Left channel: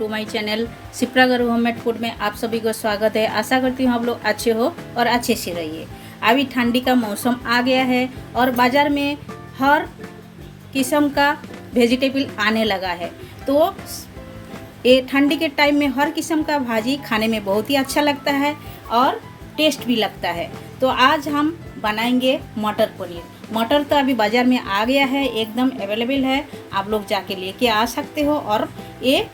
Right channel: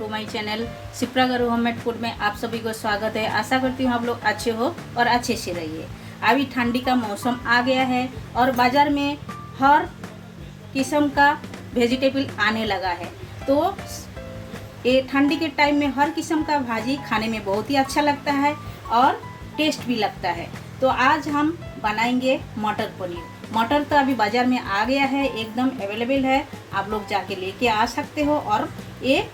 To my channel Shipra गरू homemade food में आप सभी को स्वागत है। आशा करती हूँ आप लोग अच्छे हो और अच्छे से रहिए। अभी ठंडी का मौसम आ गया है और बाज़ार में हर किस्म का वेजिटेबल आने लगा है। तो ये ठंडी के टाइम में हर किस्म का भाजी खाने में बहुत ही अच्छा लगता है और टेस्ट भी लगता है। तो आज हम बनाएंगे मटर पनीर। मटर तो अभी बाज़ार में आ गया है, एकदम अवेलेबल है, आप लोग जाके लेके आ सकते हो और ये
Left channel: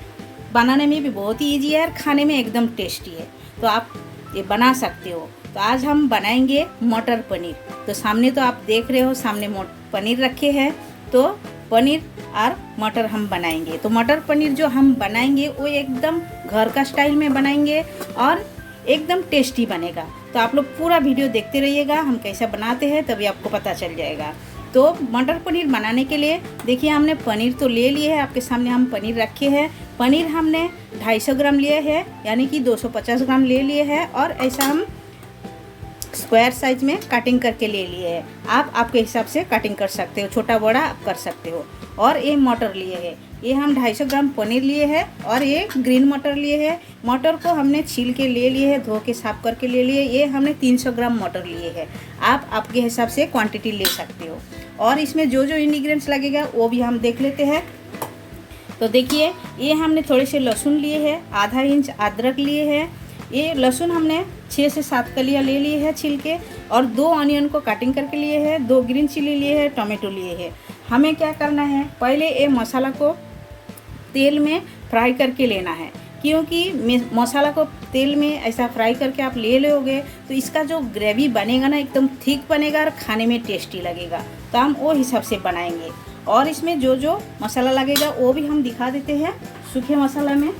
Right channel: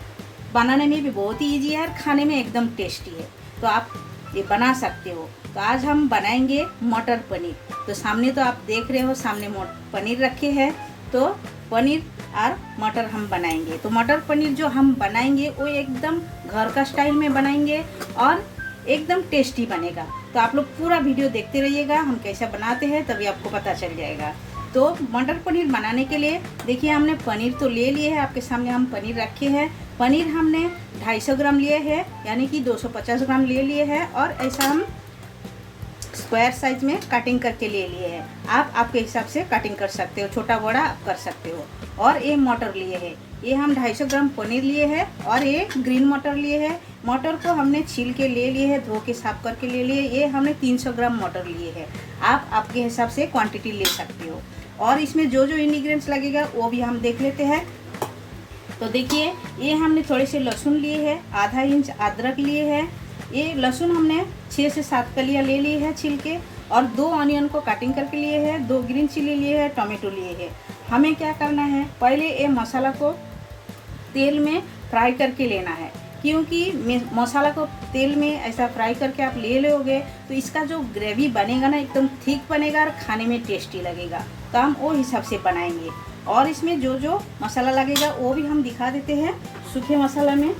बनाने में भी बहुत ही इजी है और खाने में एकदम टेस्टी है। तो आप ये बना सकते हो। तो आज हम बनाएंगे मटर पनीर। तो सामने तो आप देख रहे हो, सामने पनीर रखे हैं। तो पनीर और मटर हम बनाएंगे। तो मटर पनीर जो हम बनाएंगे वो एकदम घर का स्टाइल में बनाएंगे और एकदम टेस्टी बनेगा। तो आप लोग पूरा वीडियो देखते रहिएगा, हम कैसा बनाते हैं तभी आपको पता चल जाएगा। तो मटर पनीर बनाने के लिए देखिए हमने पनीर तो ले लिए है, आपके सामने हम पनीर रखे हैं। पनीर हमने 250 ग्राम लिए है, यानी कि 250 ग्राम ले लिए हैं और ऐसा हम स्क्वायर साइज में कटिंग करके ले लिए है। आप आपके हिसाब से कटिंग कर सकते हो, छोटा बड़ा आप कर सकते हो। और ये मटर लिए है, ये हम 250 ग्राम पनीर लिए है और ये ग्रीन मटर लिए है। मटर को हमने छील के ले लिए है, धो के साफ करके ले लिए। ये हमने 300 ग्राम मटर लिए है, आप आपके हिसाब से क्वांटिटी ले सकते हो। और इसमें जो जो इंग्रेडिएंट्स लगेगा वो भी हम देख लेते हैं। तो देखिए ये हमने थोड़े से लहसुन लिए है, आधा इंच अदरक लिए है। ये लहसुन हमने 6 से 7 कलियाँ ले ली है छील के, और 2 ऑनियन को कटिंग करके लिए है, 2 ग्रीन चिली लिए है, टोमेटो लिए है। हमें क्या करना है, पहले ये मसाला को तेल में फ्राई करके लेना है, क्योंकि मसाला को तेल में ऐसा फ्राई करके आप ले लोगे तो इसका जो ग्रेवी बनेगा ना एकदम थिक बनेगा और खाने में टेस्टी लगेगा। तो हम वो हिसाब से बनाएंगे। और इसमें जो जो मसाला लगेगा वो भी हम दिखा देते हैं सूखे मसाला में।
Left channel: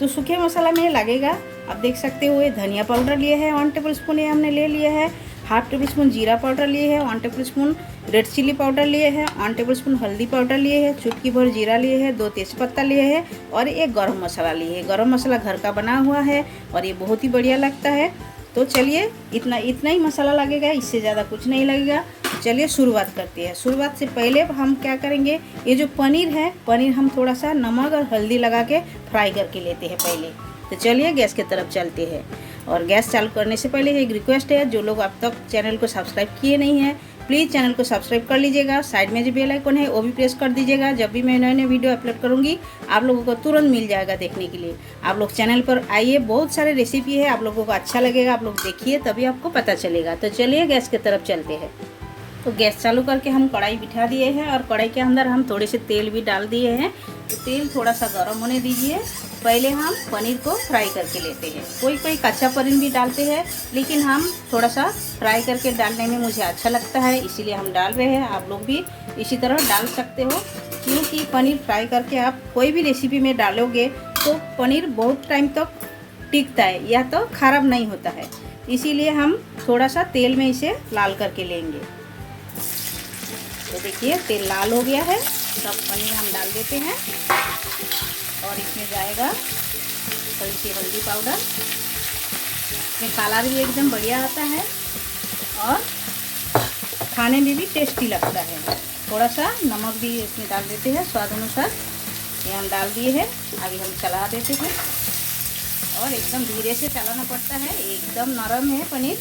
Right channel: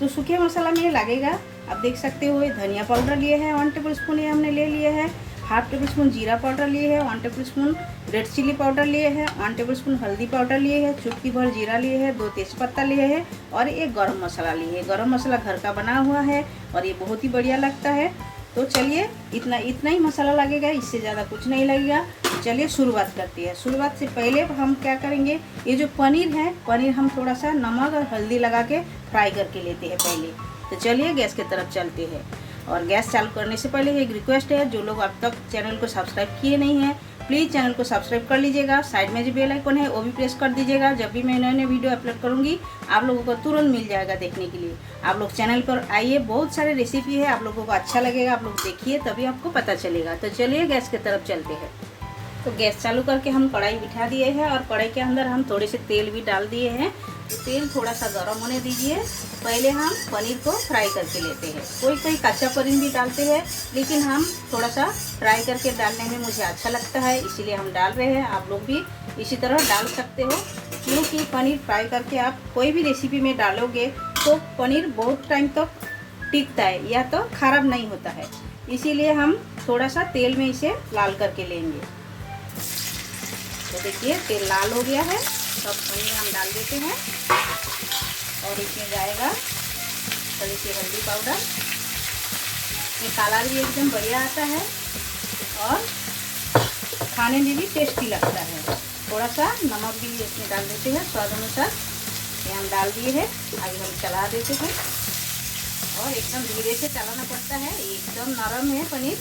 तो सूखे मसाला में लगेगा, आप देख सकते हो, ये धनिया पाउडर लिए है 1 टेबल स्पून, ये हमने ले लिया है। 1/2 टेबल स्पून जीरा पाउडर लिए है, 1 tablespoon red chili powder लिए है, 1 टेबल स्पून हल्दी पाउडर लिए है, चुटकी भर जीरा लिए है, 2 तेज़पत्ता लिए है और एक गरम मसाला लिए है। गरम मसाला घर का बना हुआ है और ये बहुत ही बढ़िया लगता है। तो चलिए इतना ही मसाला लगेगा, इससे ज़्यादा कुछ नहीं लगेगा। चलिए शुरुआत करते हैं। शुरुआत से पहले हम क्या करेंगे, ये जो पनीर है, पनीर हम थोड़ा सा नमक और हल्दी लगा के फ्राई करके लेते हैं पहले। तो चलिए गैस की तरफ चलते हैं। और गैस चालू करने से पहले एक रिक्वेस्ट है, जो लोग अब तक चैनल को सब्सक्राइब किए नहीं हैं प्लीज़ चैनल को सब्सक्राइब कर लीजिएगा। साइड में जो बेल आइकन है वो भी प्रेस कर दीजिएगा। जब भी मैं नए वीडियो अपलोड करूँगी आप लोगों को तुरंत मिल जाएगा देखने के लिए। आप लोग चैनल पर आइए, बहुत सारे रेसिपी है, आप लोगों को अच्छा लगेगा, आप लोग देखिए तभी आपको पता चलेगा। तो चलिए गैस की तरफ चलते हैं। तो गैस चालू करके हम कढ़ाई बिठा दिए हैं और कढ़ाई के अंदर हम थोड़े से तेल भी डाल दिए हैं। तो तेल थोड़ा सा गर्म होने दीजिए। पहले हम पनीर को फ्राई करके लेते हैं। कोई कच्चा पनीर भी डालते हैं, लेकिन हम थोड़ा सा फ्राई करके डालने में मुझे अच्छा लगता है, इसीलिए हम डाल रहे हैं। आप लोग भी इसी तरह डाल सकते हो, क्योंकि पनीर फ्राई करके आप कोई भी रेसिपी में डालोगे तो पनीर बहुत टाइम तक टिकता है या तो ख़राब नहीं होता है। इसीलिए हम थोड़ा सा तेल में इसे लाल करके लेंगे। तो देखिए तेल लाल हो गया है, सब पनीर हम डाल देते हैं और इसमें जाएगा थोड़ी सी हल्दी पाउडर। ये कलर भी एकदम बढ़िया आता है और खाने में भी टेस्टी लगता है। थोड़ा सा नमक भी इसमें डाल देते हैं स्वाद अनुसार। ये हम डाल दिए हैं, अभी हम चला देते हैं और एकदम धीरे से चलाना पड़ता है, एकदम नरम है पनीर।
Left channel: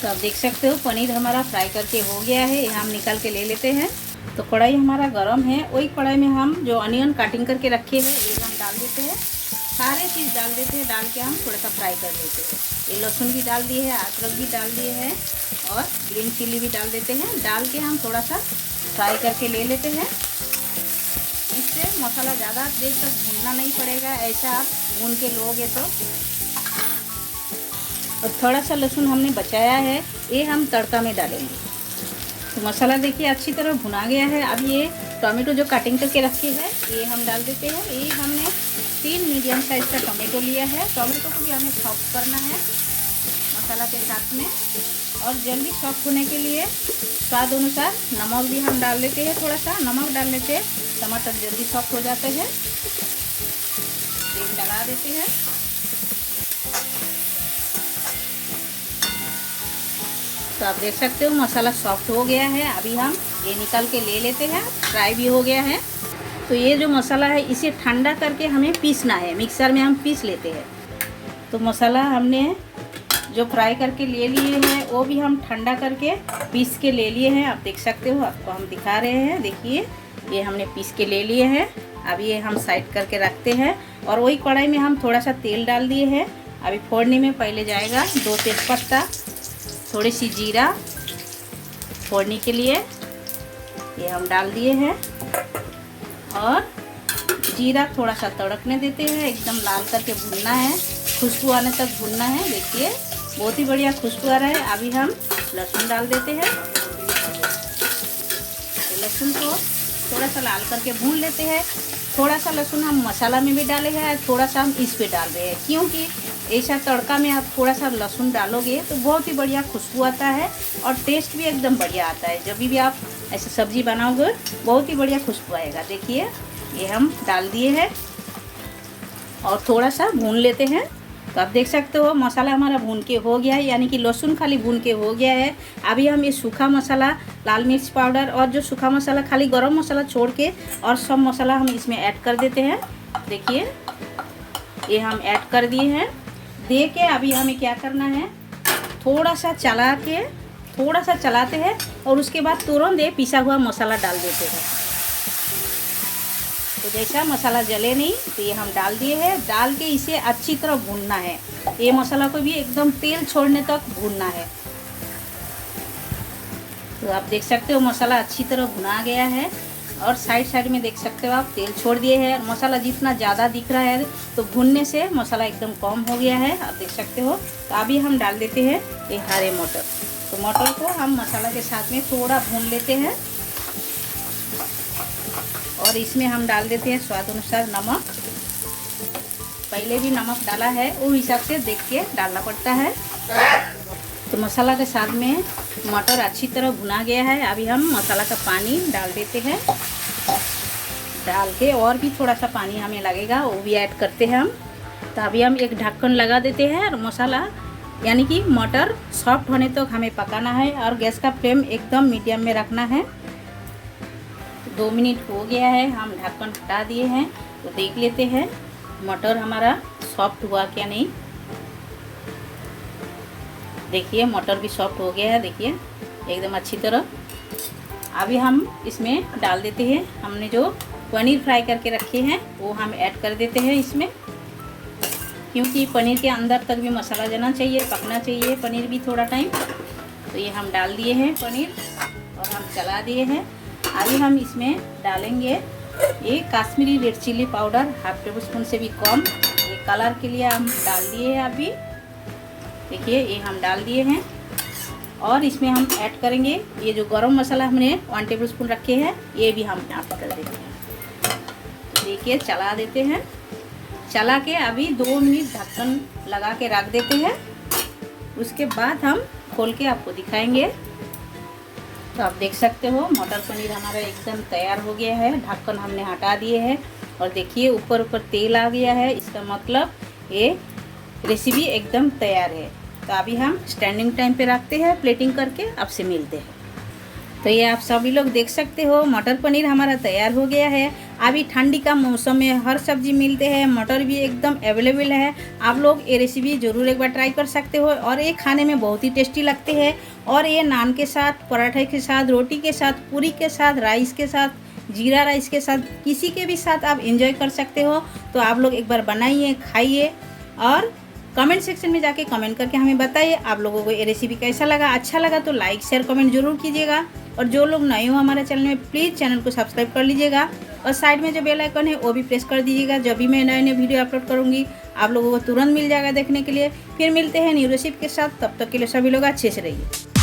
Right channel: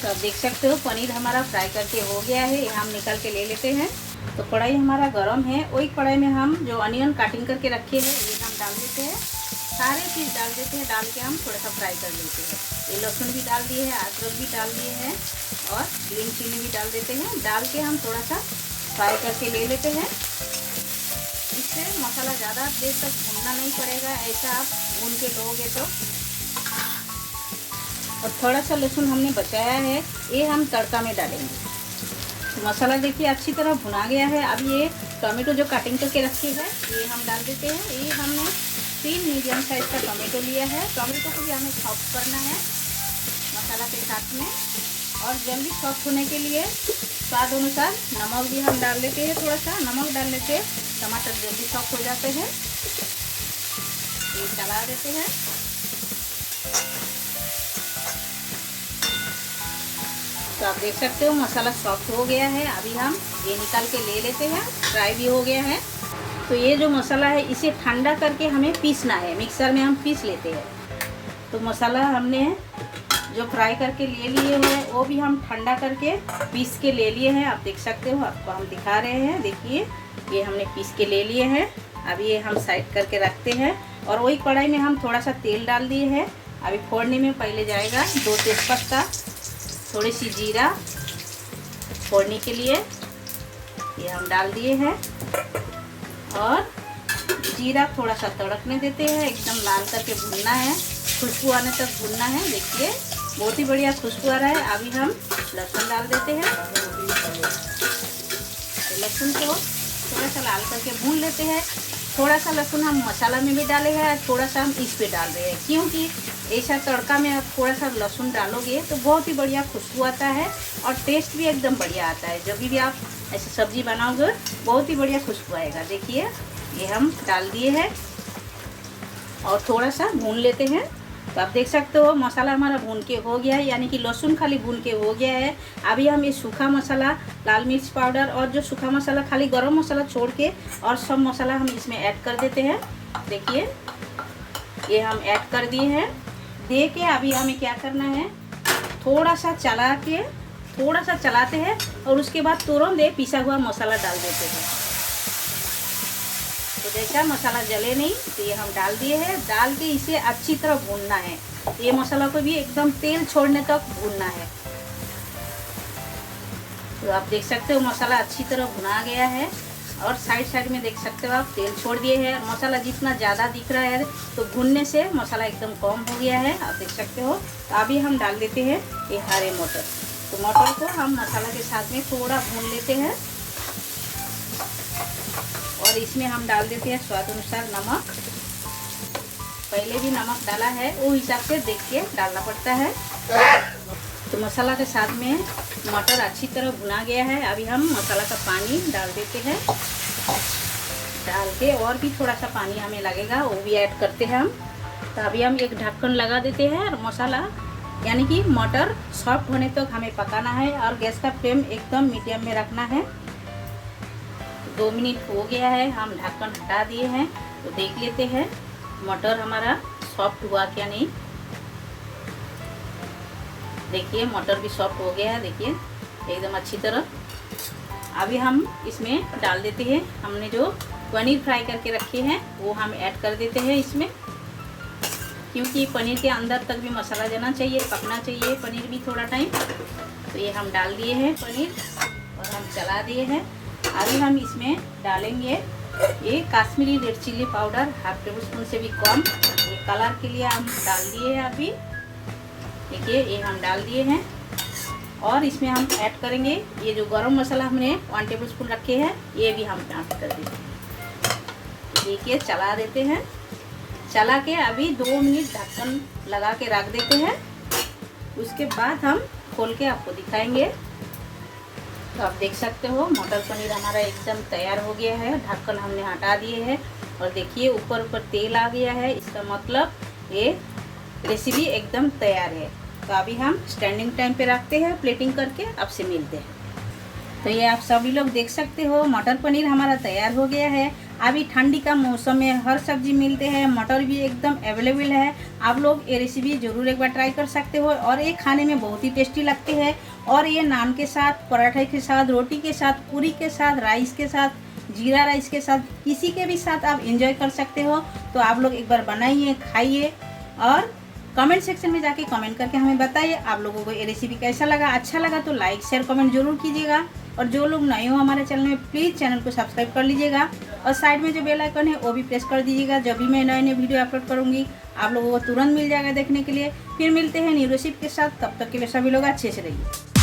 तो आप देख सकते हो पनीर हमारा फ्राई करके हो गया है, ये हम निकाल के ले लेते हैं। तो कढ़ाई हमारा गरम है, वही कढ़ाई में हम जो अनियन कटिंग करके रखे हैं ये हम डाल देते हैं। सारे चीज़ डाल देते हैं, डाल के हम थोड़ा सा फ्राई कर लेते हैं। ये लहसुन भी डाल दिए हैं, अदरक भी डाल दिए हैं और ग्रीन चिली भी डाल देते हैं। डाल के हम थोड़ा सा फ्राई करके ले लेते हैं। इससे मसाला ज़्यादा देर तक भूनना नहीं पड़ेगा, ऐसा आप भून के लोगे तो। और थोड़ा सा लहसुन हमने बचाया है, ये हम तड़का में डालेंगे। तो मसाला देखिए अच्छी तरह भुना गया है। अब ये टोमेटो जो कटिंग करके रखे हैं ये हम डाल देते हैं। ये हमने 3 मीडियम साइज़ का टोमेटो लिया है। टोमेटो को भी हमें सॉफ्ट करना है मसाला के साथ में, और जल्दी सॉफ्ट होने के लिए स्वाद अनुसार नमक भी हम डाल देते हैं। थोड़ा सा नमक डालने से टमाटर जल्दी सॉफ्ट हो जाते हैं। तेल डाला देते हैं। तो आप देख सकते हो मसाला सॉफ्ट हो गया है। अभी हम ये निकाल के ले लेते हैं, फ्राई भी हो गया है। तो ये जो मसाला है इसे ठंडा करके हमें पीसना है, मिक्सर में हम पीस लेते हैं। तो मसाला हमने जो फ्राई करके ले लिए हैं वो भी हम ठंडा करके पीस के ले लिए हैं। आप देख सकते हो, आपको हम दिखा रहे हैं। देखिए ये हमने पीस के ले लिए हैं। अभी ये हम साइड करके रखते हैं और वही कढ़ाई में हम थोड़ा सा तेल डाल दिए हैं। अभी फोड़नी में पहले जाएगा 2 तेज़पत्ता, थोड़ी सी जीरा फोड़नी के लिए ये हम डाल दिए हैं और जीरा थोड़ा सा तड़कने देते हैं। एकदम लाल करके भूनना है, खुशबू आने तक भूनना है। देखिए बहुत ही बढ़िया खुशबू आ रहा है। अभी हम लहसुन डाल देते हैं। लहसुन को थोड़ा सा लाल करके भून लेते हैं। थोड़ा सा लहसुन हम मसाला में भी डाले हैं, थोड़ा सा हम इस पे डाल रहे हैं, क्योंकि ऐसा तड़का में आप थोड़ा सा लहसुन डालोगे तो बहुत ही बढ़िया खुशबू आता है और टेस्ट भी एकदम बढ़िया आता है। जब भी आप ऐसे सब्जी बनाओगे बहुत ही बढ़िया खुशबू आएगा। देखिए ये हम डाल दिए हैं और थोड़ा सा भून लेते हैं। तो आप देख सकते हो मसाला हमारा भून के हो गया है, यानी कि लहसुन खाली भून के हो गया है। अभी हम ये सूखा मसाला, लाल मिर्च पाउडर और जो सूखा मसाला, खाली गरम मसाला छोड़ के और सब मसाला हम इसमें ऐड कर देते हैं। देखिए ये हम ऐड कर दिए हैं। दे के अभी हमें क्या करना है, थोड़ा सा चलाते हैं और उसके बाद तुरंत ये पिसा हुआ मसाला डाल देते हैं। तो जैसा मसाला जले नहीं तो ये हम डाल दिए हैं। डाल के इसे अच्छी तरह भूनना है। ये मसाला को भी एकदम तेल छोड़ने तक भूनना है। तो आप देख सकते हो मसाला अच्छी तरह भुना गया है और साइड में देख सकते हो आप तेल छोड़ दिए हैं। मसाला जितना ज़्यादा दिख रहा है तो भुनने से मसाला एकदम कम हो गया है, आप देख सकते हो। तो अभी हम डाल देते हैं ये हरे मटर। तो मटर को हम मसाला के साथ में थोड़ा भून लेते हैं और इसमें हम डाल देते हैं स्वाद अनुसार नमक। पहले भी नमक डाला है, वो हिसाब से देख के डालना पड़ता है। तो मसाला के साथ में मटर अच्छी तरह भुना गया है। अभी हम मसाला का पानी डाल देते हैं। डाल के और भी थोड़ा सा पानी हमें लगेगा, वो भी ऐड करते हैं हम। तो अभी हम एक ढक्कन लगा देते हैं और मसाला यानी कि मटर सॉफ्ट होने तक हमें पकाना है और गैस का फ्लेम एकदम मीडियम में रखना है। 2 मिनट हो गया है, हम ढक्कन हटा दिए हैं। तो देख लेते हैं मटर हमारा सॉफ्ट हुआ क्या नहीं। देखिए मटर भी सॉफ्ट हो गया है, देखिए एकदम अच्छी तरह। अभी हम इसमें डाल देते हैं, हमने जो पनीर फ्राई करके रखे हैं वो हम ऐड कर देते हैं इसमें, क्योंकि पनीर के अंदर तक भी मसाला जाना चाहिए, पकना चाहिए पनीर भी थोड़ा टाइम। तो ये हम डाल दिए हैं पनीर और हम चला दिए हैं। अभी हम इसमें डालेंगे ये Kashmiri red chilli powder, half table spoon से भी कम। ये कलर के लिए हम डाल दिए हैं। अभी देखिए ये हम डाल दिए हैं और इसमें हम ऐड करेंगे ये जो गरम मसाला हमने 1 टेबल स्पून रखे हैं, ये भी हम ऐड कर देंगे। देखिए चला देते हैं। चला के अभी 2 मिनट ढक्कन लगा के रख देते हैं। उसके बाद हम खोल के आपको दिखाएंगे। तो आप देख सकते हो मटर पनीर हमारा एकदम तैयार हो गया है। ढक्कन हमने हटा दिए हैं और देखिए ऊपर तेल आ गया है। इसका मतलब ये रेसिपी एकदम तैयार है। तो अभी हम स्टैंडिंग टाइम पे रखते हैं प्लेटिंग करके, आपसे मिलते हैं। तो ये आप सभी लोग देख सकते हो मटर पनीर हमारा तैयार हो गया है। अभी ठंडी का मौसम में हर सब्जी मिलते हैं, मटर भी एकदम अवेलेबल है। आप लोग ये रेसिपी ज़रूर एक बार ट्राई कर सकते हो और ये खाने में बहुत ही टेस्टी लगती है। और ये नान के साथ, पराठे के साथ, रोटी के साथ, पूरी के साथ, राइस के साथ, जीरा राइस के साथ, किसी के भी साथ आप एंजॉय कर सकते हो। तो आप लोग एक बार बनाइए, खाइए और कमेंट सेक्शन में जाके कमेंट करके हमें बताइए आप लोगों को ये रेसिपी कैसा लगा। अच्छा लगा तो लाइक शेयर कमेंट जरूर कीजिएगा और जो लोग नए हो हमारे चैनल में प्लीज़ चैनल को सब्सक्राइब कर लीजिएगा और साइड में जो बेल आइकन है वो भी प्रेस कर दीजिएगा। जब भी मैं नए वीडियो अपलोड करूँगी आप लोगों को तुरंत मिल जाएगा देखने के लिए। फिर मिलते हैं न्यू रेसिपी के साथ, तब तक के लिए सभी लोग अच्छे से रहिए।